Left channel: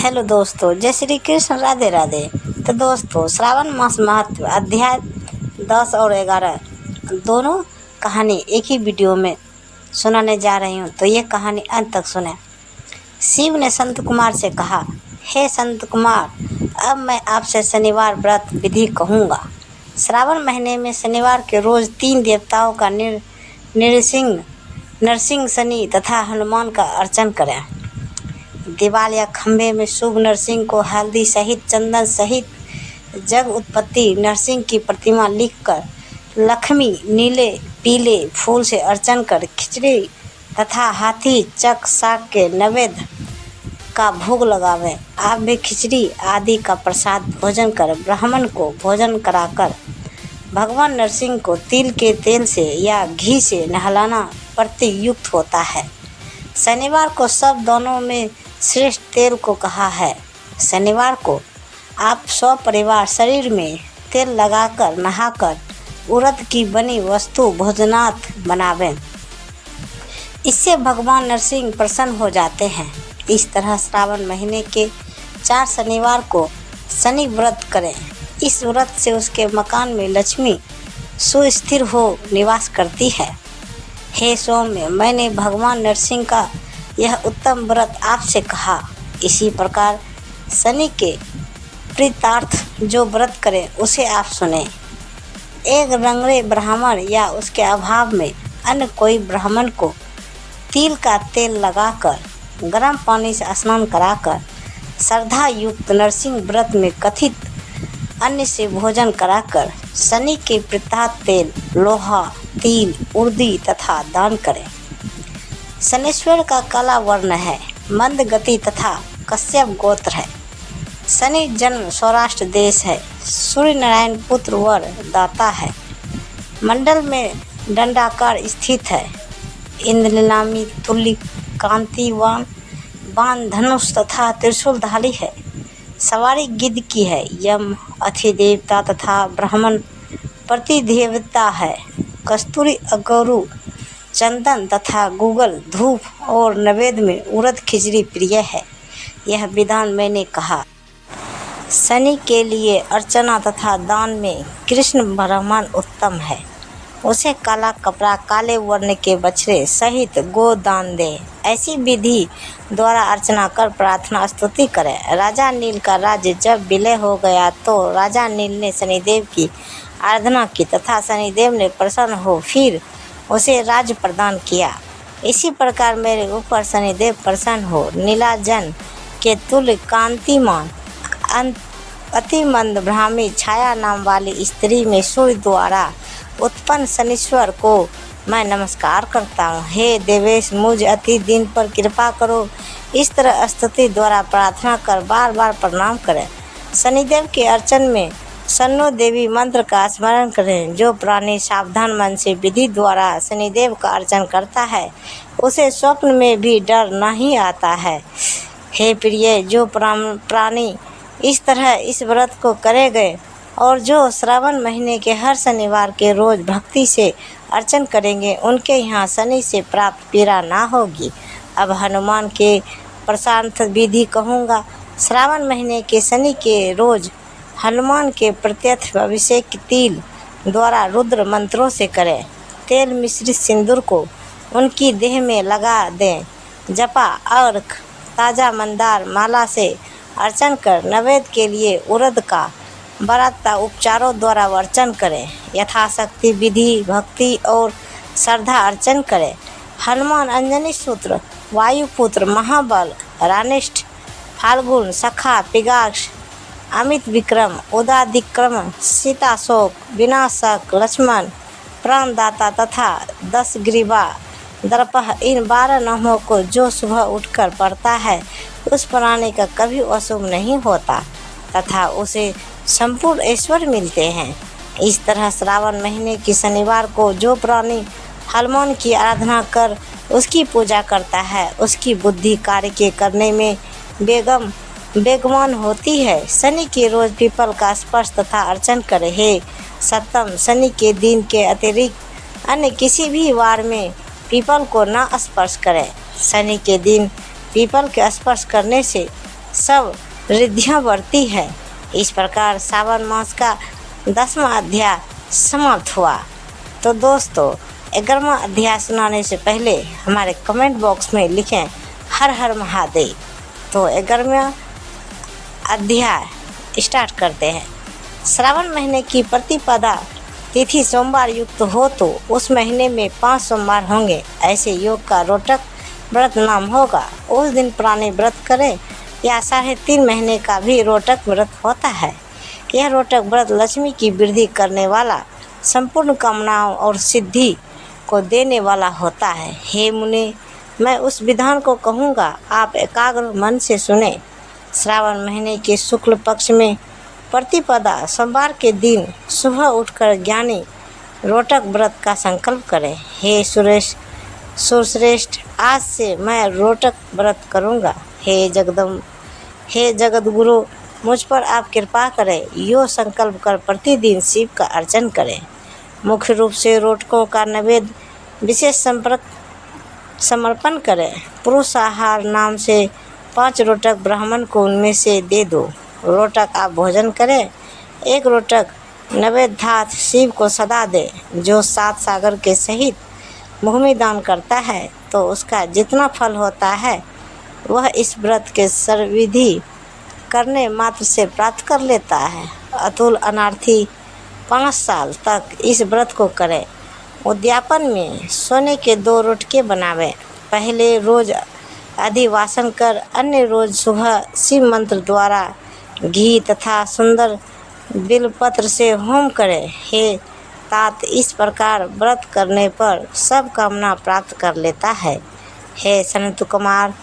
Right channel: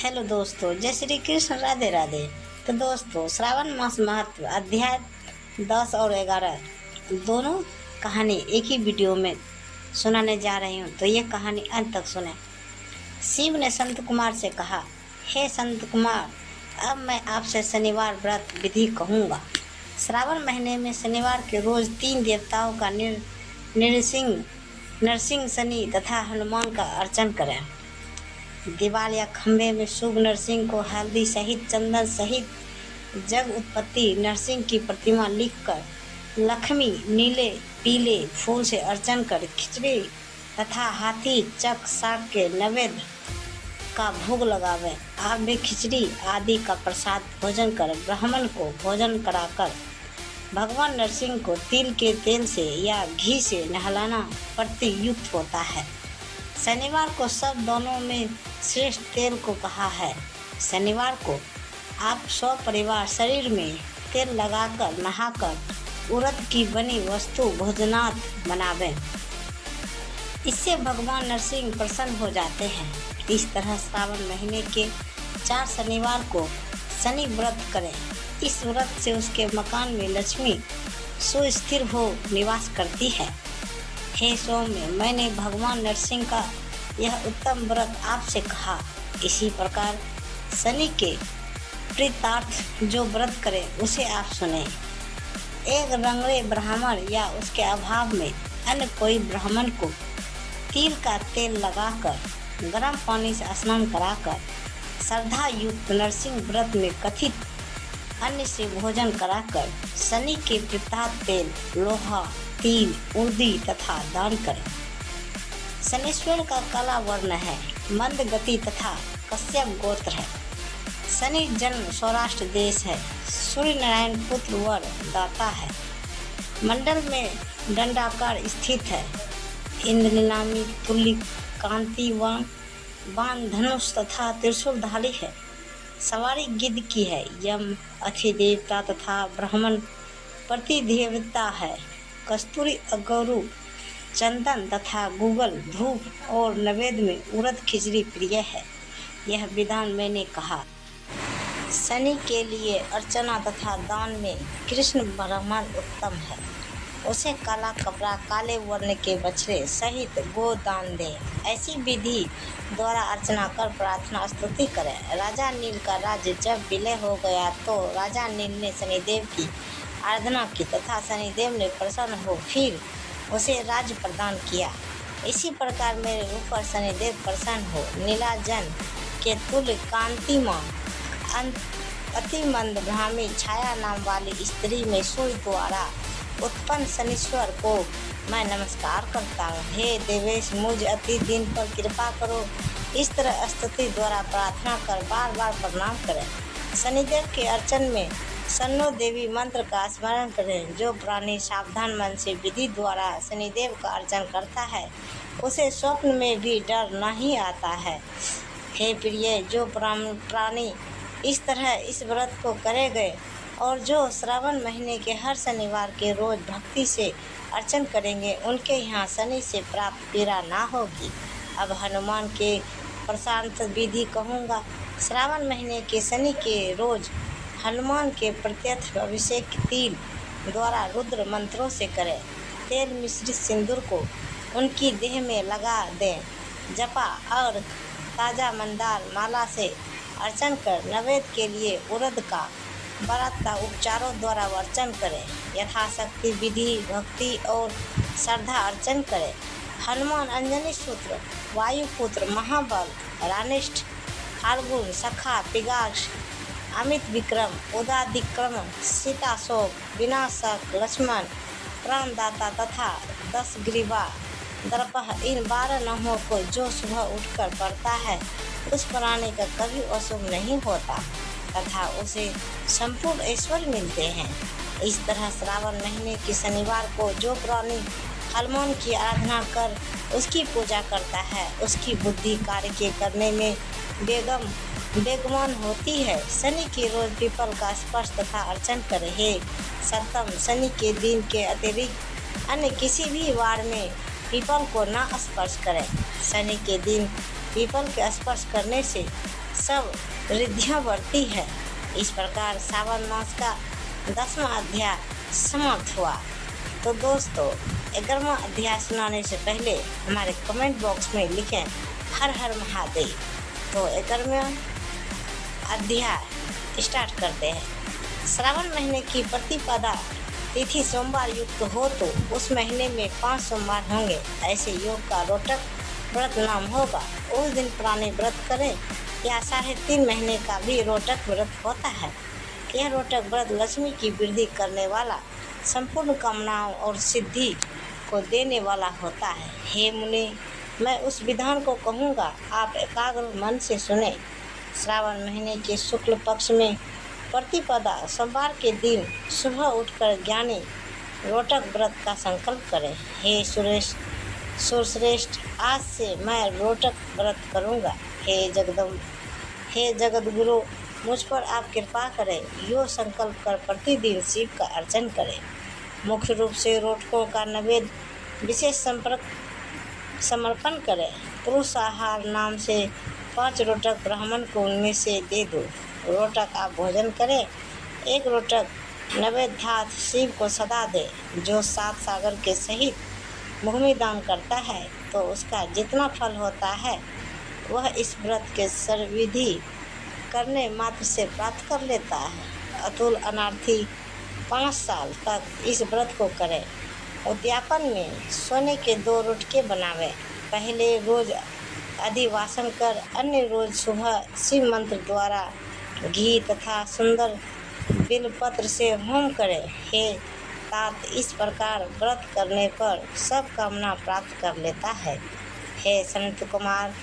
Hello दोस्तों, जय श्री कृष्ण, राधे राधे। तो दोस्तों, श्रावण मास महत्व अध्याय 10 और 11 दोनों कहानी एक ही वीडियो में सुनाने जा रही हूँ, तो ये कहानी अंत तक सुने। शिव ने संत कुमार से कहा, हे संत कुमार, अब मैं आपसे शनिवार व्रत विधि कहूँगा। श्रावण महीने में शनिवार के रोज 3 देवताओं का नरसिंह, शनि तथा हनुमान का अर्चन करें। दीवाल या खंभे में शुभ नरसिंह को हल्दी सहित, चंदन सहित जग उत्पत्ति नरसिंह की प्रतिमा लिखकर लक्ष्मी नीले पीले फूल से अर्चन कर खिचड़ी तथा हाथी चक साग के नैवेद्य का भोग लगावें। आप भी खिचड़ी आदि का प्रसाद भोजन कर ब्राह्मण को भोजन कराकर भगवान नरसिंह को तिल के तेल से या घी से नहलाना प्रतियुक्त होता है। शनिवार को सब दोनों में श्रेष्ठ तेल को कहा है। शनिवार को आप परिवार शरीर में तेल लगाकर नहाकर उड़द की बनी वस्तु भोजनार्थ बनावें। इससे भगवान नरसिंह प्रसन्न हो जाते हैं। इस तरह श्रावण महीने के 4 शनिवार को शनि व्रत करें। इस व्रत से उसके मकान में लक्ष्मी सुस्थिर हो निवास करती है। हे सौम्य, मैंने भगवान नरसिंह का यह उत्तम व्रत आपसे कहा। इसी प्रकार शनि के प्रीतार्थ जो व्रत करे उसे आप सुने। एक रंगरे ब्राह्मण या उसके अभाव में अन्य कोई ब्राह्मण को तिल का तेल लगाकर गर्म पानी से स्नान कराकर श्रद्धा युक्त नरसिंह व्रत में कथित अन्न से भोजन कराकर शनि के प्रीतार्थ तेल, लोहा, तिल, उर्दी तथा दान करें। शनीश्वर का काला वर्ण है, मंद गति तथा कश्यप गोत्र है। शनि जन्म सौराष्ट्र देश है। सूर्य नारायण पुत्र वर दाता है। मंडल में दंडाकार स्थित है। इंद्रनीलामी तुल्य कांतिवान बाण धनुष तथा त्रिशूलधारी है। सवारी गिद्ध की है। यम अधिदेवता तथा ब्राह्मण प्रतिदेवता है। कस्तूरी अगौरू चंदन तथा गूगल धूप और नैवेद्य में उड़द खिचड़ी प्रिय है। यह विधान मैंने कहा। शनि के लिए अर्चना तथा दान में कृष्ण ब्राह्मण उत्तम है। उसे काला कपड़ा, काले वर्ण के बछड़े सहित गो दान दे। ऐसी विधि द्वारा अर्चना कर प्रार्थना स्तुति करें। राजा नील का राज्य जब विलय हो गया तो राजा नील ने शनिदेव की आराधना की तथा शनिदेव ने प्रसन्न हो फिर उसे राज्य प्रदान किया। इसी प्रकार मेरे ऊपर शनिदेव प्रसन्न हो नीलाजन के तुल्य कांतिमान अति मंद ब्राह्मी छाया नाम वाली स्त्री में सूर्य द्वारा उत्पन्न शनीश्वर को मैं नमस्कार करता हूँ। हे देवेश, मुझ अति दिन पर कृपा करो। इस तरह स्तुति द्वारा प्रार्थना कर बार बार प्रणाम करें। शनिदेव के अर्चन में शन्नो देवी मंत्र का स्मरण करें। जो प्राणी सावधान मन से विधि द्वारा शनिदेव का अर्चन करता है उसे स्वप्न में भी डर नहीं आता है। हे प्रिय, जो प्राणी इस तरह इस व्रत को करेंगे और जो श्रावण महीने के हर शनिवार के रोज भक्ति से अर्चन करेंगे उनके यहाँ शनि से प्राप्त पीड़ा ना होगी। अब हनुमान के प्रशांत विधि कहूँगा। श्रावण महीने के शनि के रोज हनुमान के प्रत्यक्ष अभिषेक तिल द्वारा रुद्र मंत्रों से करें। तेल मिश्रित सिंदूर को उनकी देह में लगा दें। जपा और ताज़ा मंदार माला से अर्चन कर नैवेद्य के लिए उड़द का बराता उपचारों द्वारा अर्चन करें। यथाशक्ति विधि भक्ति और श्रद्धा अर्चन करें। हनुमान अंजनी सूत्र, वायुपुत्र, महाबल, रानिष्ठ, फाल्गुन, सखा, पिगाक्ष, अमित विक्रम, उदादिक्रम, सीताशोक, विनाशक, लक्ष्मण, प्राणदाता तथा 10 ग्रीवा दर्पह, इन 12 नामों को जो सुबह उठकर पढ़ता है उस प्राणी का कभी अशुभ नहीं होता तथा उसे संपूर्ण ऐश्वर्य मिलते हैं। इस तरह श्रावण महीने की शनिवार को जो प्राणी हनुमान की आराधना कर उसकी पूजा करता है उसकी बुद्धि कार्य के करने में बेगमान होती है। शनि के रोज पीपल का स्पर्श तथा अर्चन करे। हे सप्तम, शनि के दिन के अतिरिक्त अन्य किसी भी वार में पीपल को न स्पर्श करें। शनि के दिन पीपल के स्पर्श करने से सब रिद्धियाँ बढ़ती है। इस प्रकार सावन मास का 10वां अध्याय समाप्त हुआ। तो दोस्तों, 11वां अध्याय सुनाने से पहले हमारे कमेंट बॉक्स में लिखें हर हर महादेव। तो 11वां अध्याय स्टार्ट करते हैं। श्रावण महीने की प्रतिपदा तिथि सोमवार युक्त हो तो उस महीने में 5 सोमवार होंगे। ऐसे योग का रोटक व्रत नाम होगा। उस दिन पुराने व्रत करें या 3.5 महीने का भी रोटक व्रत होता है। यह रोटक व्रत लक्ष्मी की वृद्धि करने वाला, संपूर्ण कामनाओं और सिद्धि को देने वाला होता है। हे मुनि, मैं उस विधान को कहूँगा, आप एकाग्र मन से सुने। श्रावण महीने के शुक्ल पक्ष में प्रतिपदा सोमवार के दिन सुबह उठकर ज्ञानी रोटक व्रत का संकल्प करें। हे सुरश्रेष्ठ, आज से मैं रोटक व्रत करूँगा। हे जगतगुरु, मुझ पर आप कृपा करें। यो संकल्प कर प्रतिदिन शिव का अर्चन करें। मुख्य रूप से रोटकों का नैवेद्य विशेष समर्पण करें। पुरुष आहार नाम से 5 रोटक ब्राह्मण को उनमें से दे दो। रोटक आप भोजन करें। 1 रोटक नैवेद्यार्थ शिव को सदा दे। जो 7 सागर के सहित भूमि दान करता है तो उसका जितना फल होता है वह इस व्रत के सर्वविधि करने मात्र से प्राप्त कर लेता है। अतुल अनार्थी 5 साल तक इस व्रत को करें। उद्यापन में सोने के 2 रोटके बनावें। पहले रोज अधिवासन कर अन्य रोज सुबह शिव मंत्र द्वारा घी तथा सुंदर बिलपत्र से होम करें। हे तात, इस प्रकार व्रत करने पर सब कामना प्राप्त कर लेता है। हे सनत कुमार,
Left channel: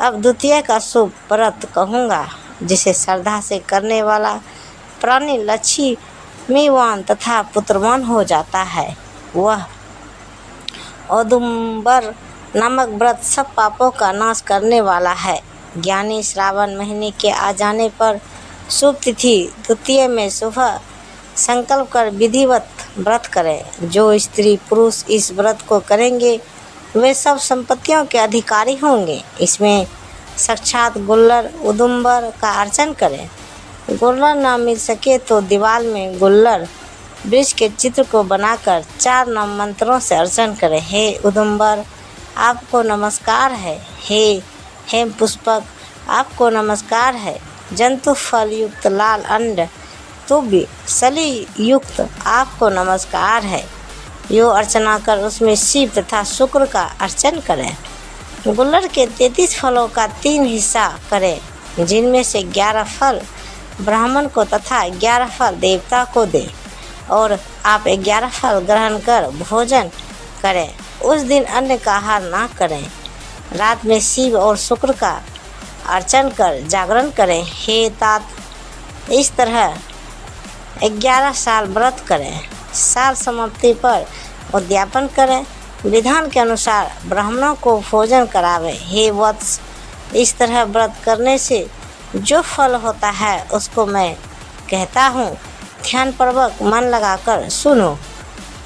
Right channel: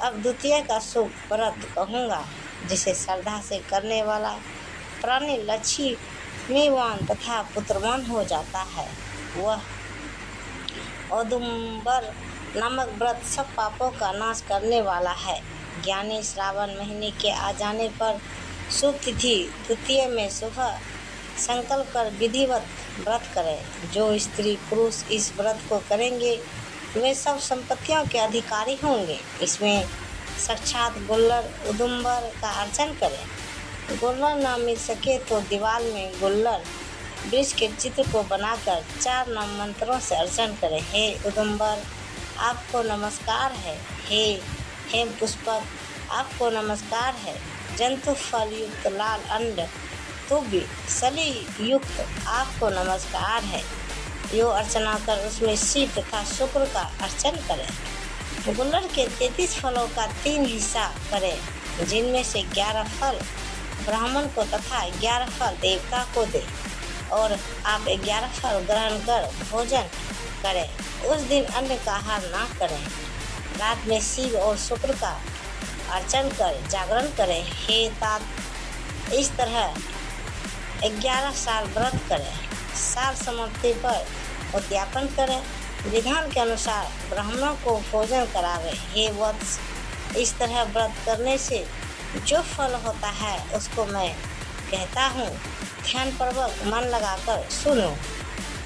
अब द्वितीय का शुभ व्रत कहूँगा, जिसे श्रद्धा से करने वाला प्राणी लक्ष्मीवान तथा पुत्रवान हो जाता है। वह औदुंबर नामक व्रत सब पापों का नाश करने वाला है। ज्ञानी श्रावण महीने के आ जाने पर शुभ तिथि द्वितीय में सुबह संकल्प कर विधिवत व्रत करें। जो स्त्री पुरुष इस व्रत को करेंगे वे सब संपत्तियों के अधिकारी होंगे। इसमें साक्षात गुल्लर उदुम्बर का अर्चन करें। गुल्लर ना मिल सके तो दीवार में गुल्लर वृक्ष के चित्र को बनाकर 4 नाम मंत्रों से अर्चन करें। हे उदुम्बर, आपको नमस्कार है। हे हेम पुष्पक, आपको नमस्कार है। जंतु फल युक्त लाल अंड तुभ्य सली युक्त आपको नमस्कार है। यो अर्चना कर उसमें शिव तथा शुक्र का अर्चन करें। गुल्लर के 33 फलों का 3 हिस्सा करें, जिनमें से 11 फल ब्राह्मण को तथा 11 फल देवता को दे और आप 11 फल ग्रहण कर भोजन करें। उस दिन अन्न का आहार ना करें। रात में शिव और शुक्र का अर्चन कर जागरण करें। हे तात, इस तरह 11 साल व्रत करें। साल समाप्ति पर उद्यापन करें। विधान के अनुसार ब्राह्मणों को भोजन करावें। हे वत्स, इस तरह व्रत करने से जो फल होता है उसको मैं कहता हूँ, ध्यानपूर्वक मन लगाकर सुनो।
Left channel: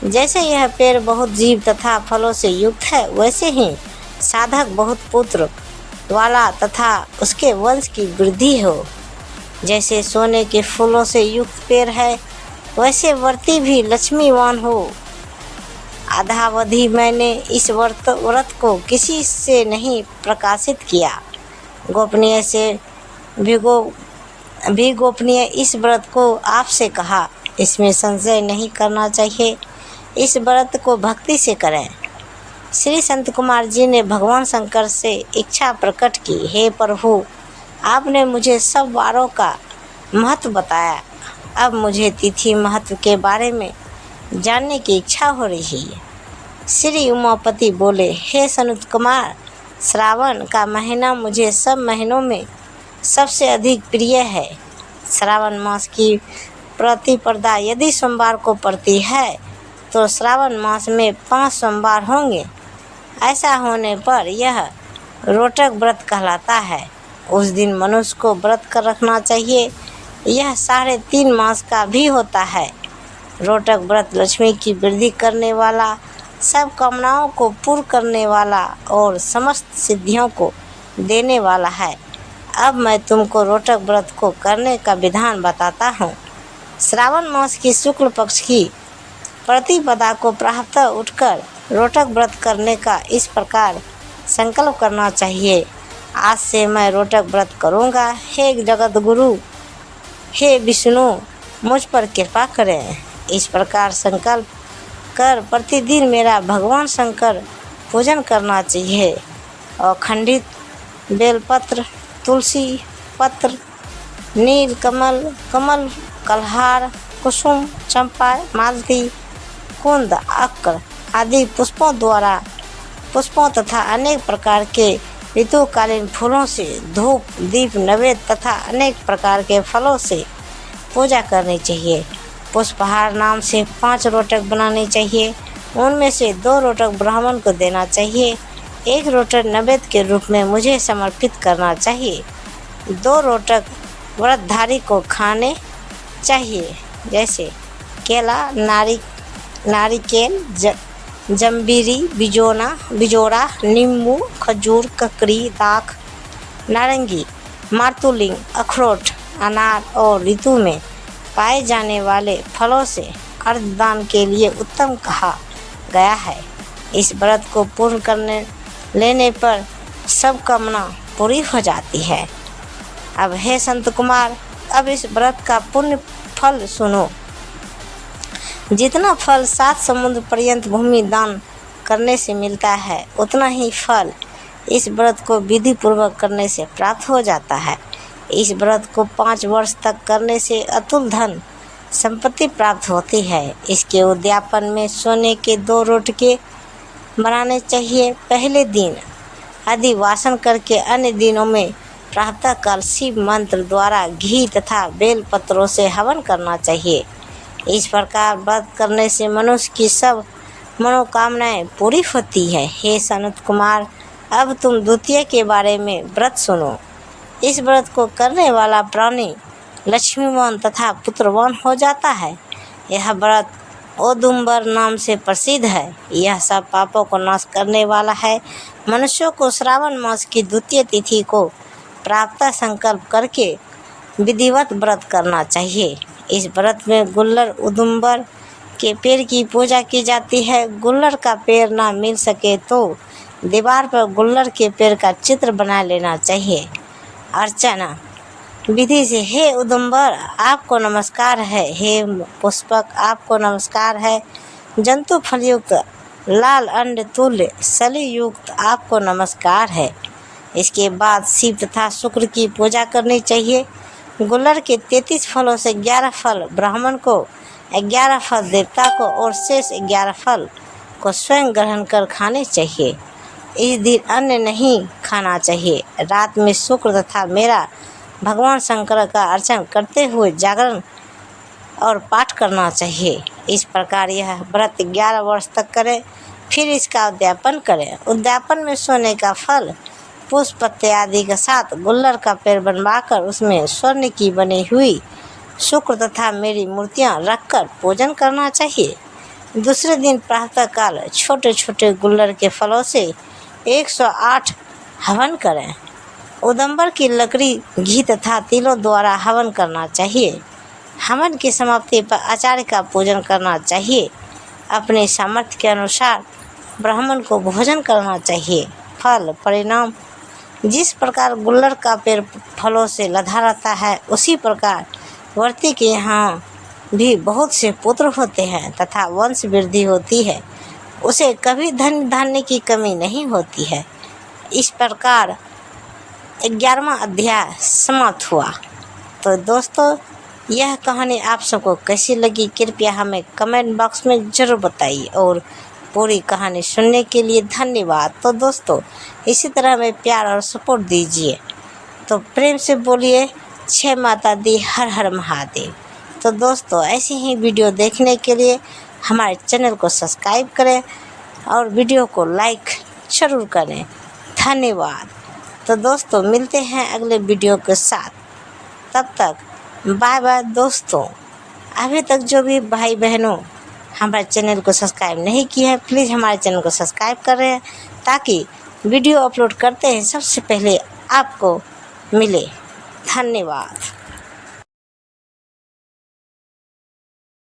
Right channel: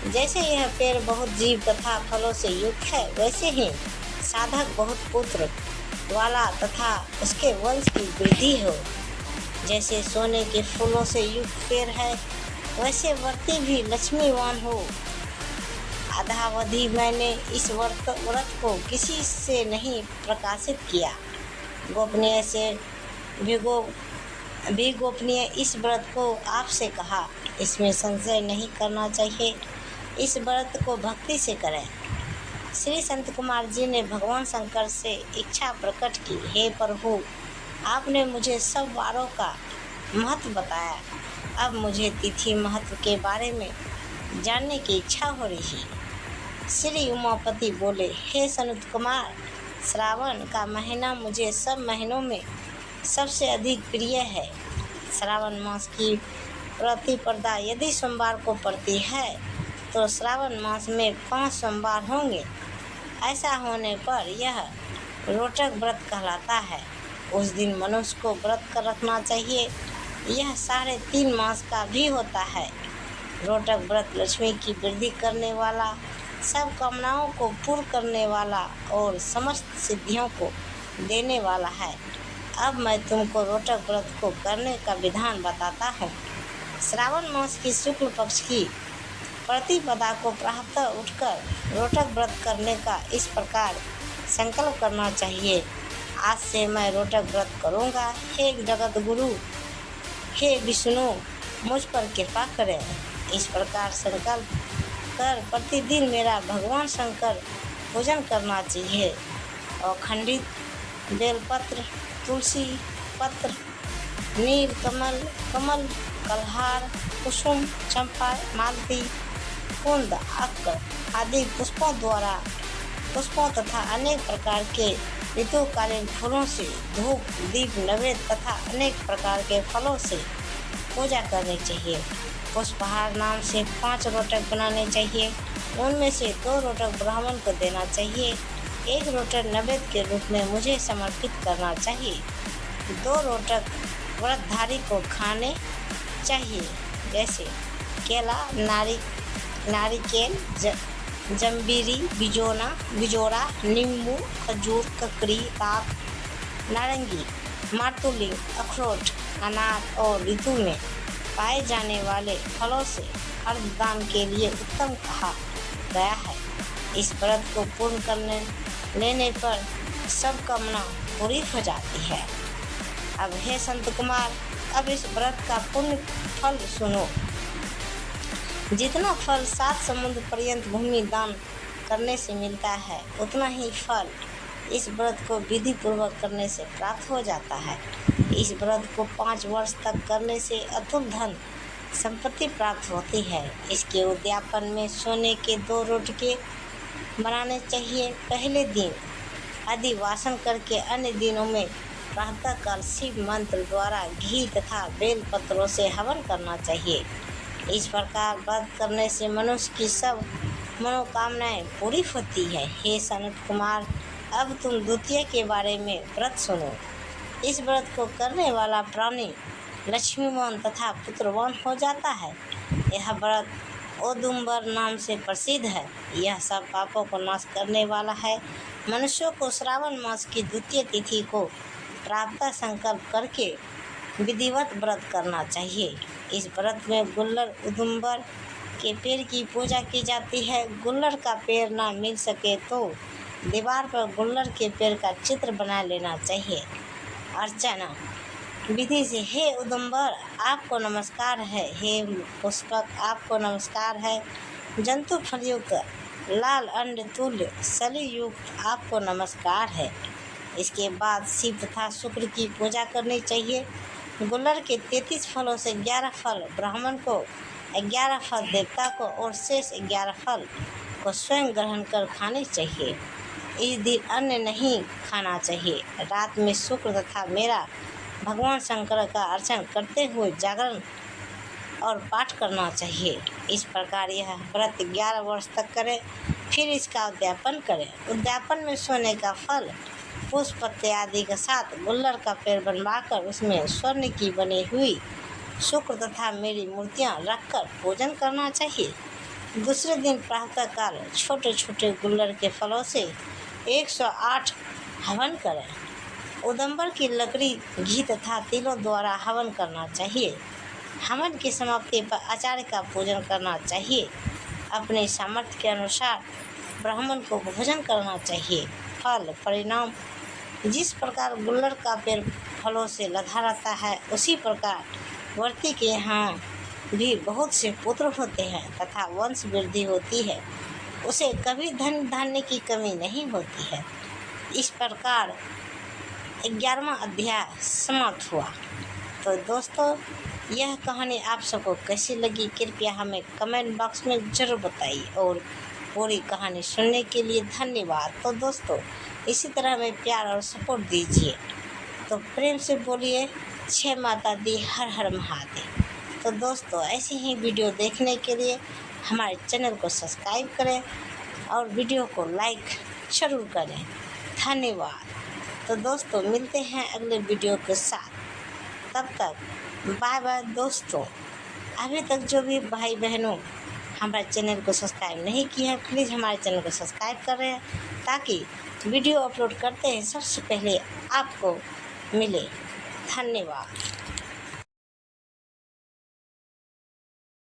जैसे यह पेड़ बहुत जीव तथा फलों से युक्त है, वैसे ही साधक बहुत पुत्र वाला तथा उसके वंश की वृद्धि हो। जैसे सोने के फूलों से युक्त पेड़ है, वैसे व्रती भी लक्ष्मीवान हो। आधावधि मैंने इस व्रत को किसी से नहीं प्रकाशित किया। गोपनीय से भी गोपनीय इस व्रत को आपसे कहा। इसमें संशय नहीं करना चाहिए। इस व्रत को भक्ति से करें। श्री संत कुमार जी ने भगवान शंकर से इच्छा प्रकट की, हे प्रभु, आपने मुझे सब वारों का महत्व बताया। अब मुझे तिथि महत्व के बारे में जानने की इच्छा हो रही है। श्री उमापति बोले, हे सनत कुमार, श्रावण का महीना मुझे सब महीनों में सबसे अधिक प्रिय है। श्रावण मास की प्रतिपदा यदि सोमवार को पड़ती है तो श्रावण मास में 5 सोमवार होंगे। ऐसा होने पर यह रोटक व्रत कहलाता है। उस दिन मनुष्य को व्रत कर रखना चाहिए। यह 3.5 मास का भी होता है। रोटक व्रत लक्ष्मी की वृद्धि करने वाला, सब कामनाओं को पूर्ण करने वाला और समस्त सिद्धियों को देने वाला है। अब मैं तुमको रोटक व्रत को करने का विधान बताता हूँ। श्रावण मास की शुक्ल पक्ष की प्रतिपदा को प्रातः उठकर रोटक व्रत करने का इस प्रकार संकल्प करना चाहिए। आज से मैं रोटक व्रत करूँगा। हे जगत गुरु, हे विष्णु, मुझ पर कृपा करें। इस प्रकार संकल्प कर प्रतिदिन मेरा भगवान शंकर पूजन करना चाहिए। और खंडित बेलपत्र, तुलसी पत्र, नील कमल, कमल, कलहार, कुसुम, चंपा, मालती, कुंद, अक्र आदि पुष्पों तथा अनेक प्रकार के ऋतुकालीन फूलों से धूप, दीप, नैवेद्य तथा अनेक प्रकार के फलों से पूजा करनी चाहिए। पुष्पहार नाम से 5 रोटक बनाने चाहिए। उनमें से 2 रोटक ब्राह्मण को देना चाहिए। 1 रोटक नैवेद्य के रूप में मुझे समर्पित करना चाहिए। 2 रोटक व्रतधारी को खाने चाहिए, जैसे केला, नारिकेल, जम्बीरी, बिजोड़ा, नींबू, खजूर, ककड़ी, दाख, नारंगी, मातुलिंग, अखरोट, अनार और ऋतु में पाए जाने वाले फलों से अर्धदान के लिए उत्तम कहा गया है। इस व्रत को पूर्ण करने लेने पर सब कामना पूरी हो जाती है। अब हे संत कुमार, अब इस व्रत का पुण्य फल सुनो। जितना फल 7 समुद्र पर्यंत भूमि दान करने से मिलता है, उतना ही फल इस व्रत को विधि पूर्वक करने से प्राप्त हो जाता है। इस व्रत को 5 वर्ष तक करने से अतुल धन संपत्ति प्राप्त होती है। इसके उद्यापन में सोने के 2 रोटके बनाने चाहिए। पहले दिन अधिवासन करके अन्य दिनों में प्रातःकाल शिव मंत्र द्वारा घी तथा बेल पत्रों से हवन करना चाहिए। इस प्रकार व्रत करने से मनुष्य की सब मनोकामनाएं पूरी होती है। हे सनत कुमार, अब तुम द्वितीय के बारे में व्रत सुनो। इस व्रत को करने वाला प्राणी लक्ष्मीवान तथा पुत्रवान हो जाता है। यह व्रत औदुंबर नाम से प्रसिद्ध है। यह सब पापों को नाश करने वाला है। मनुष्यों को श्रावण मास की द्वितीय तिथि को प्रातः संकल्प करके विधिवत व्रत करना चाहिए। इस व्रत में गुल्लर औदुंबर के पेड़ की पूजा की जाती है। गुल्लर का पेड़ ना मिल सके तो दीवार पर गुल्लर के पेड़ का चित्र बना लेना चाहिए। अर्चना विधि से, हे औदुंबर, आपको नमस्कार है। हे पुष्पक, आपको नमस्कार है। जंतु फलयुक्त लाल अंड तुल्य सली युक्त आपको नमस्कार है। इसके बाद शिव तथा शुक्र की पूजा करनी चाहिए। गुल्लर के 33 फलों से 11 फल ब्राह्मण को, 11 फल देवता को और शेष 11 फल को स्वयं ग्रहण कर खाने चाहिए। इस दिन अन्न नहीं खाना चाहिए। रात में शुक्र तथा मेरा भगवान शंकर का अर्चन करते हुए जागरण और पाठ करना चाहिए। इस प्रकार यह व्रत 11 वर्ष तक करें, फिर इसका उद्यापन करें। उद्यापन में सोने का फल, पुष्प, पत्ते आदि के साथ गुल्लर का पेड़ बनवाकर उसमें स्वर्ण की बनी हुई शुक्र तथा मेरी मूर्तियां रखकर पूजन करना चाहिए। दूसरे दिन प्रातःकाल छोटे छोटे गुल्लर के फलों से 108 हवन करें। औदुंबर की लकड़ी, घी तथा तिलों द्वारा हवन करना चाहिए। हवन की समाप्ति पर आचार्य का पूजन करना चाहिए। अपने सामर्थ्य के अनुसार ब्राह्मण को भोजन करना चाहिए। फल परिणाम, जिस प्रकार गुल्लर का पेड़ फलों से लदा रहता है, उसी प्रकार व्रती के यहाँ भी बहुत से पुत्र होते हैं तथा वंश वृद्धि होती है। उसे कभी धन धान्य की कमी नहीं होती है। इस प्रकार 11वां अध्याय समाप्त हुआ। तो दोस्तों, यह कहानी आप सबको कैसी लगी, कृपया हमें कमेंट बॉक्स में ज़रूर बताइए और पूरी कहानी सुनने के लिए धन्यवाद। तो दोस्तों, इसी तरह हमें प्यार और सपोर्ट दीजिए। तो प्रेम से बोलिए जय माता दी, हर हर महादेव। तो दोस्तों, ऐसी ही वीडियो देखने के लिए हमारे चैनल को सब्सक्राइब करें और वीडियो को लाइक ज़रूर करें। धन्यवाद। तो दोस्तों, मिलते हैं अगले वीडियो के साथ। तब तक बाय बाय दोस्तों। अभी तक जो भी भाई बहनों हमारे चैनल को सब्सक्राइब नहीं किया है, प्लीज़ हमारे चैनल को सब्सक्राइब करें ताकि वीडियो अपलोड करते हैं सबसे पहले आपको मिले। धन्यवाद।